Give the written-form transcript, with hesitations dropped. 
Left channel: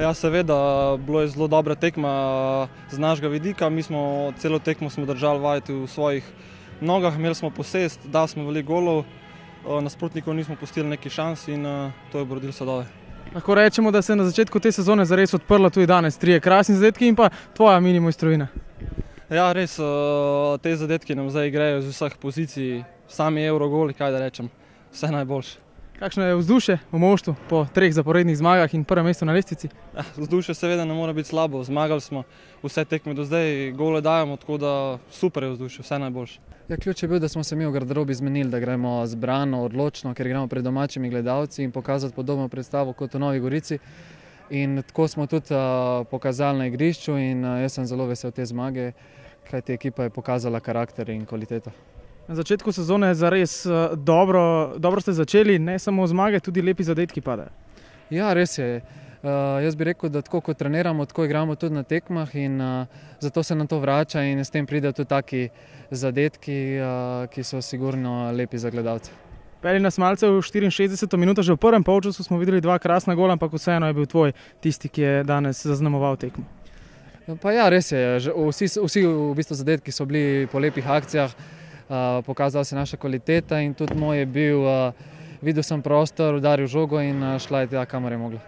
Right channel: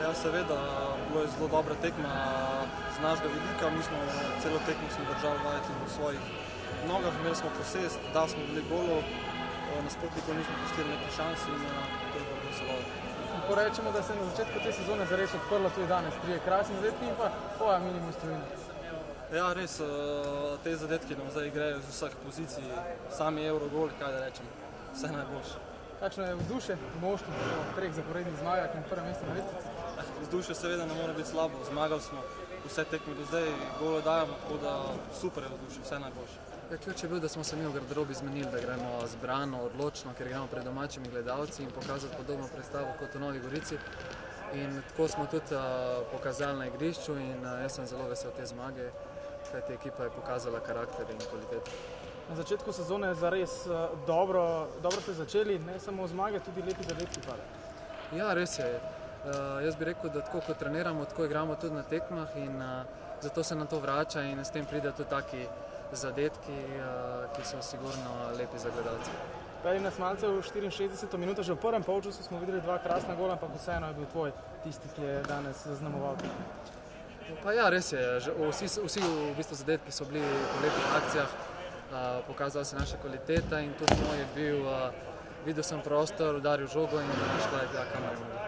Ja, seveda, bilo je zelo dobra tekma z našega vidika. Mi smo celo tekmo držali vajeti v svojih nogah, imeli smo posest, dali smo veliko golov, nasprotnikov nismo pustili neki šans in to je Borodin Sadove. Lahko rečemo, da se je na začetku te sezone zares odprla tudi danes. 3 krasni zadetki in pa tvoja mini mojstrovina. Ja, res, te zadetki nam zdaj igrajo z vseh pozicij, sami Eurogoli, kaj da rečem, vse najboljše. Kakšno je vzdušje v moštvu po 3 zaporednih zmagah in prvem mestu na lestvici? Vzdušje seveda ne mora biti slabo, zmagali smo vse tekme do zdaj, gole dajemo, tako da super je vzdušje, vse najboljše. Ja, ključ je bil, da smo se mi v garderobi zmenili, da gremo zbrano, odločno, ker igramo pred domačimi gledalci in pokazati podobno predstavo kot v Novi Gorici. In tako smo tudi pokazali na igrišču in jaz sem zelo vesel te zmage, kajti ekipa je pokazala karakter in kvaliteto. Na začetku sezone je zares dobro ste začeli, ne samo zmage, tudi lepi zadetki padajo. Ja, res je. Jaz bi rekel, da tako kot treniramo, tako igramo tudi na tekmah in zato se nam to vrača in s tem pridejo tudi taki zadetki, ki so sigurno lepi za gledalce. Peli nas malce v 64. minuto, že v prvem polčasu smo videli 2 krasna gola, ampak vseeno je bil tvoj tisti, ki je danes zaznamoval tekmo. Pa ja, res je. Vsi v bistvu zadetki so bili po lepih akcijah, pokazala se naša kvaliteta in tudi moj je bil, videl sem prostor, udaril žogo in šla je tja, kamor je mogla.